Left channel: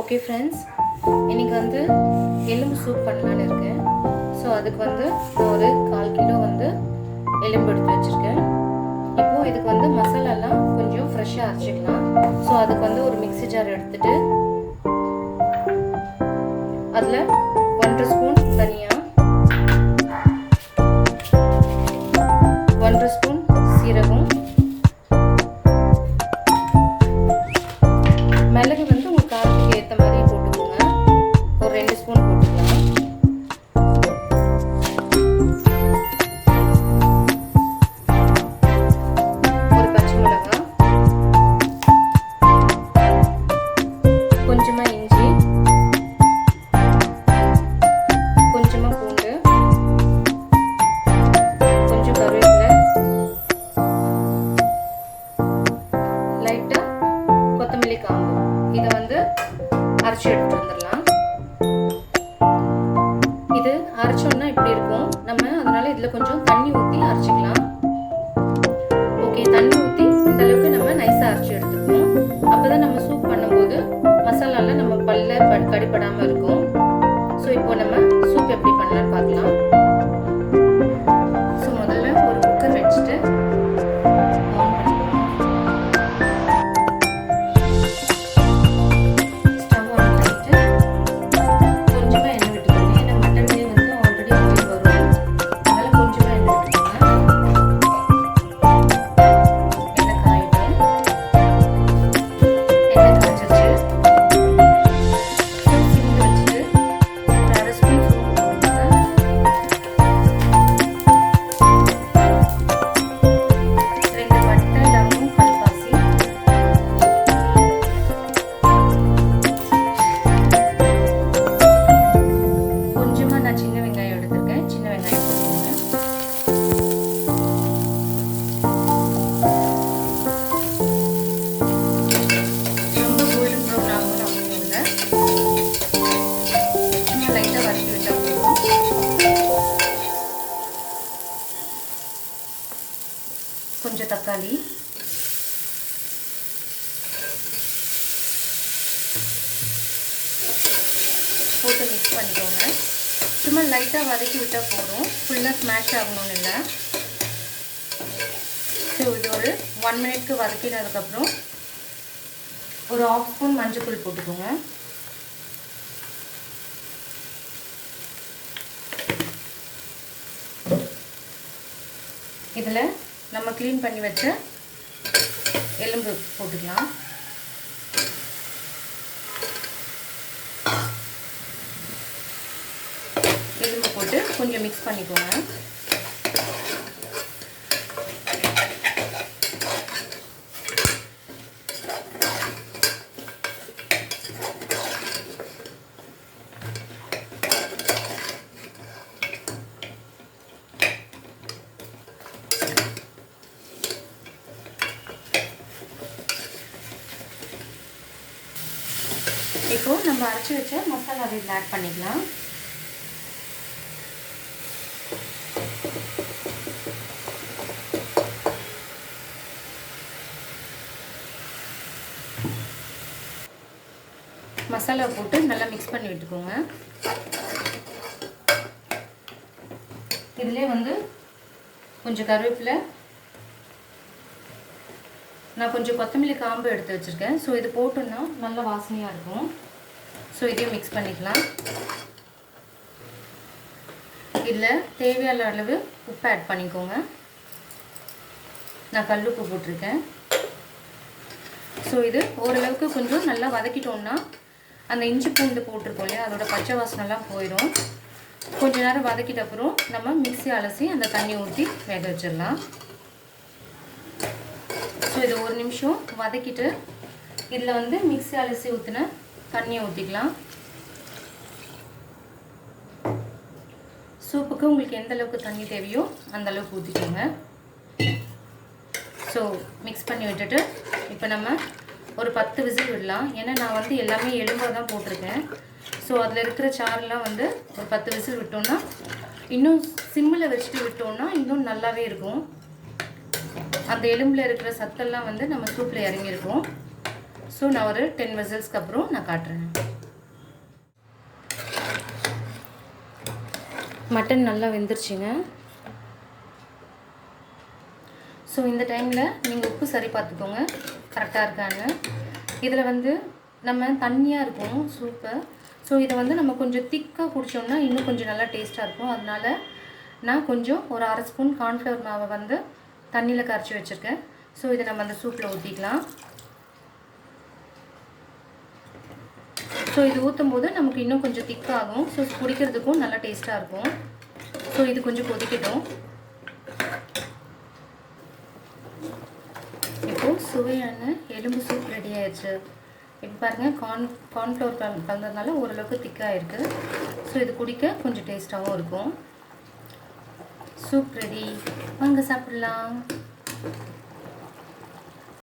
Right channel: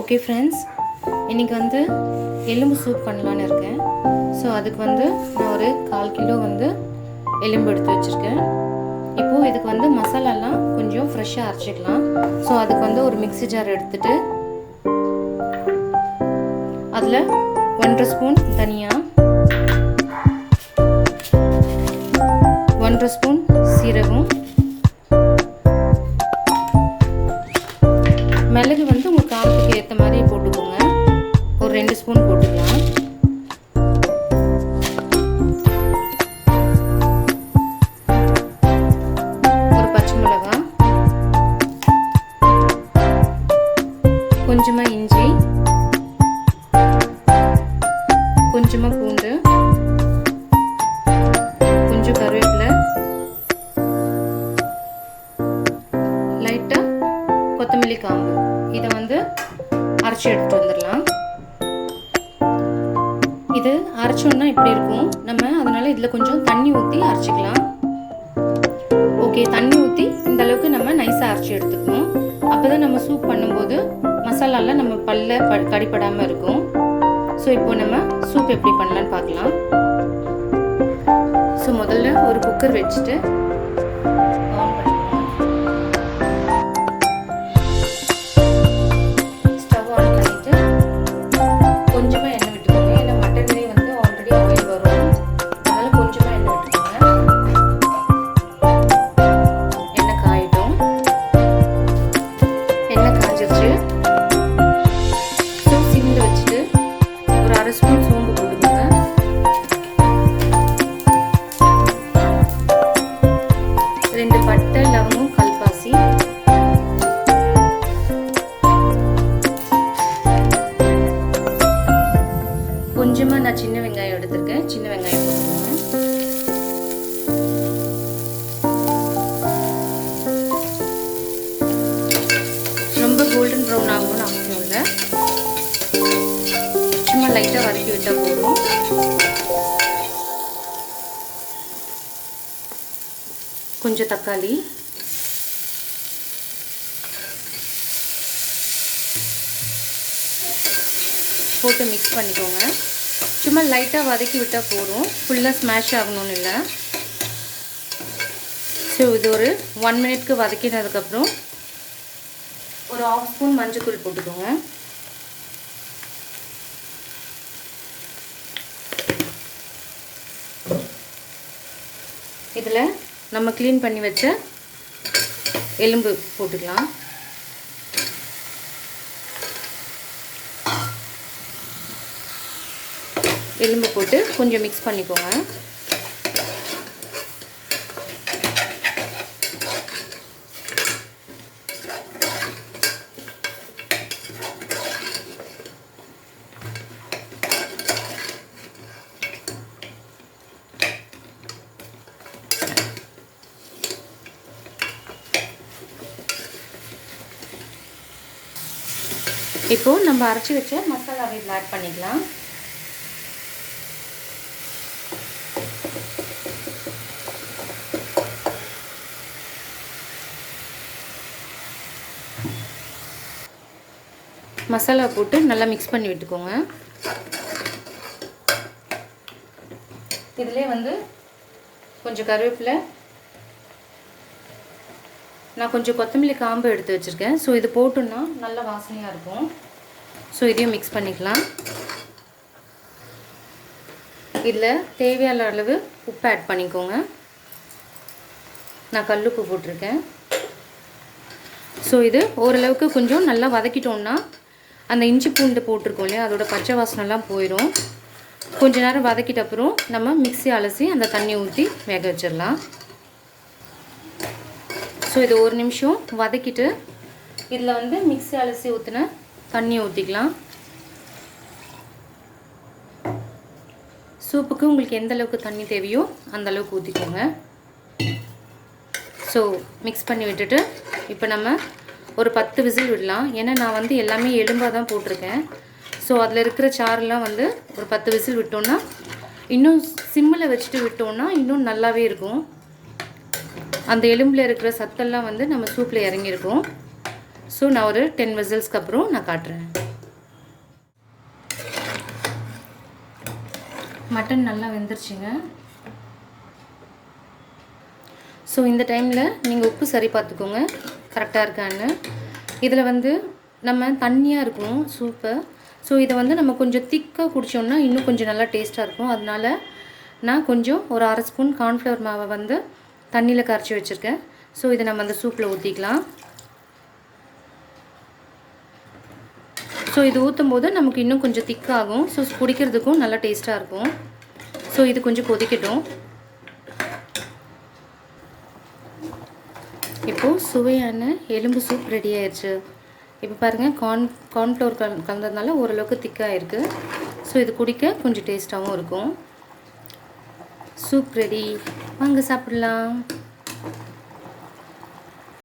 Okay friends, இன்றைக்கி வந்து எலும்பு சூப் பண்ணலான்னு இருக்கேன். ஸோ அதுக்கு வந்து நான் ஒரு 1/4 கிலோ வந்து எலும்பு எடுத்து வச்சுருக்கேன். இப்போது இதுக்கு வந்து மசாலாலாம் கொஞ்சம் ஃப்ரெஷ்ஷாக அரைச்சிக்கலாம். ஸோ அதுக்கு வந்து ஒரு மிக்ஸி ஜார் எடுத்துகிட்டு அதில் 1/2 ஸ்பூன் தனியா, 1/2 ஸ்பூன் சீரகம், மிளகு வந்து உங்கள் காரத்துக்கு ஏற்ற மாதிரி போட்டுக்கோங்க. ஒரு 2 ஸ்பூன் போட்டுக்கலாம். ஒரு பச்சை மிளகாய், கொஞ்சமாக இஞ்சி, கொஞ்சமாக பூண்டு, கொஞ்சம் கருவேப்பிலை, லைட்டாக கொத்தமல்லி காம்பு. இதை வந்து அரைச்சி எடுத்துட்டு வந்துடலாம். இது அரைச்சோன்னா இப்படி இருக்கும் நம்ம, அதனால இதில் கொஞ்சம் தண்ணி ஊற்றி அரைச்சிக்கலாம். ஓகே, தண்ணி ஊற்றி இந்த அளவுக்கு நம்ம நைஸாக அரைச்சி எடுத்துக்கணும். அப்போ தான் நம்ம சூப் பண்ணும்போது மசாலாலாம் நம்ம கடிப்படாமல் இருக்கும். ஸோ இப்போ நம்ம சூப் எப்படி பண்ணலான்னு பார்க்கலாம். ஸோ முதல்ல ஒரு குக்கர் வச்சுட்டு ஆன் பண்ணிக்கலாம். ஸ்டவ் ஆன் பண்ணிட்டு கொஞ்சமாக எண்ணெய் விட்டுக்கோங்க. ஏன்னா மட்டன்லேயே வந்து ஆல்ரெடி ஆயில் வரும், அதனால கொஞ்சமாக எண்ணெய் விட்டுக்கோங்க. எண்ணெய் காயிடும். எண்ணெய் காய்ச்சிருச்சு. ஸோ சிம்மில் வச்சுட்டு ஒரு 1/2 ஸ்பூன் சோம்பு போட்டுக்கோங்க. 2 பட்டை, லவங்கம், கல்பாசி, கொஞ்சமாக நான் சின்ன வெங்காயம் எடுத்திருக்கேன். சின்ன வெங்காயம் போட்டுக்கோங்க. ரொம்ப கோல்டன் ப்ரௌன் ஆகணும்னு அவசியம் இல்லை, சும்மா லைட்டாக வதக்கி விட்டால் போதும். கொஞ்சம் தக்காளி, போட்டு மிக்ஸ் பண்ணிக்கோங்க. சும்மா லைட்டாக வதக்கி விட்டால் போதும், ஃபுல்லாக ஸ்மாஷ் ஆகணும்னு இல்லை. ஸோ இது ஒரு 1 மினிட்க்கு வதக்கினதுக்கப்புறம் ஒரு 1/2 ஸ்பூன் மஞ்சள் போட்டுக்கோங்க. இதில் நம்ம க்ளீன் பண்ணி வச்ச எலும்பு போட்டுக்கலாம். எலும்பு போட்டு கொஞ்சம் மிக்ஸ் பண்ணிக்கோங்க. இப்போ நம்ம அரைச்சி வச்ச மசாலாவை இதில் ஆட் பண்ணிக்கலாம். மசாலா போட்டு நல்லா மிக்ஸ் பண்ணி விட்டுக்கோங்க. இதிலே வந்து கொஞ்சம் கருவேப்பிலை, நான் கொஞ்சம் கொத்தமல்லி காம்பு எடுத்து வச்சுருக்கேன். ஸோ இது போட்டோன்னா நல்ல வாசனையாக இருக்கும். ஸோ இதையும் மிக்ஸ் பண்ணிக்கலாம். இதில் தேவையான அளவு உப்பு ஆட் பண்ணிக்கோங்க. நான் கல்லுப்பு போட்டிருக்கேன். ஸோ இது ஓரளவுக்கு கொஞ்சம் நல்லா வதக்கிட்டோம்னா அந்த இஞ்சி பூண்டு போட்டிருக்கோம் இல்லையா, அதோட பச்சை வாசனைலாம் போயிடும். கொஞ்ச நேரம் வதக்கிட்ட அப்புறம் நம்ம மிக்ஸி அலசி அந்த தண்ணி ஊற்றி வேக வச்சிடலாம். ஸோ இது 1 நிமிஷம் வதக்கிட்டு இதில் வந்து மிக்ஸி அலசி ஊற்றின தண்ணி ஊற்றிக்கலாம். சூப்புக்கு உங்களுக்கு எந்த அளவுக்கு தண்ணி தேவையோ அந்த அளவுக்கு ஊற்றிக்கோங்க. ஸோ மிக்ஸ் பண்ணி விட்டுட்டு இப்போ நம்ம ஒரு 10 விசில் விடலாம். ஏன்னா நான் வந்து எல்லாமே எலும்பாக தான் போட்டிருக்கேன். ஸோ அதில் இருக்கிற சாரெலாம் வந்து ஒரு 10 விசில் விட்டோன்னா, இன்னும் சிம்மில் வச்சுட்டு விட்டோன்னா இன்னும் நல்லாவே இருக்கும். அந்த எலும்பில் இருக்கிற சத்தெல்லாம் வந்து நம்ம சூப்பில் இறங்கியிருக்கும். ஸோ நான் ஒரு 10 விசில்ஸ்க்கு அப்புறம் நான் காட்டுறேன். மட்டன் நல்லா வெந்துருச்சுங்க. ஸோ இந்த டைமில் நீங்கள் உப்பு சரி பார்த்துக்கோங்க கரெக்டாக இருக்கான்னு. இதில் வந்து நம்ம தண்ணியாக இருக்கும் சூப்பு. ஸோ இதை வந்து நம்ம கொஞ்சம் திக்காக குடித்தோம்னா இன்னும் கொஞ்சம் நல்லா டேஸ்ட்டாக இருக்கும். அதனால நான் கொஞ்சம் ஒரு 1/2 ஸ்பூன் கார்ன்ஃப்ளவர் மாவை வந்து தண்ணியில் கரைச்சி வச்சுருக்கேன். ஸோ இதை நம்ம அந்த சூப்பில் ஊற்றிக்கலாம். ஸோ இது ஊற்றும் போது நமக்கு இன்னும் கொஞ்சம் திக்காகும். ஸோ குடிக்கிறதுக்கும் நல்லா டேஸ்ட்டாக இருக்கும். ஸோ இது கொஞ்சம் கொதிக்கட்டும். இப்போது சுவையான எலும்பு சூப் ரெடி ஆயிடுச்சு. இப்போ பாருங்கள், கார்ன்ஃப்ளவர் கலந்ததுனால ஓரளவுக்கு திக்காக இருக்குது. ஸோ இது குடிக்க கொஞ்சம் டேஸ்ட்டாகவும் இருக்கும். சூப் ரெடி, வாங்க சாப்பிடலாம்.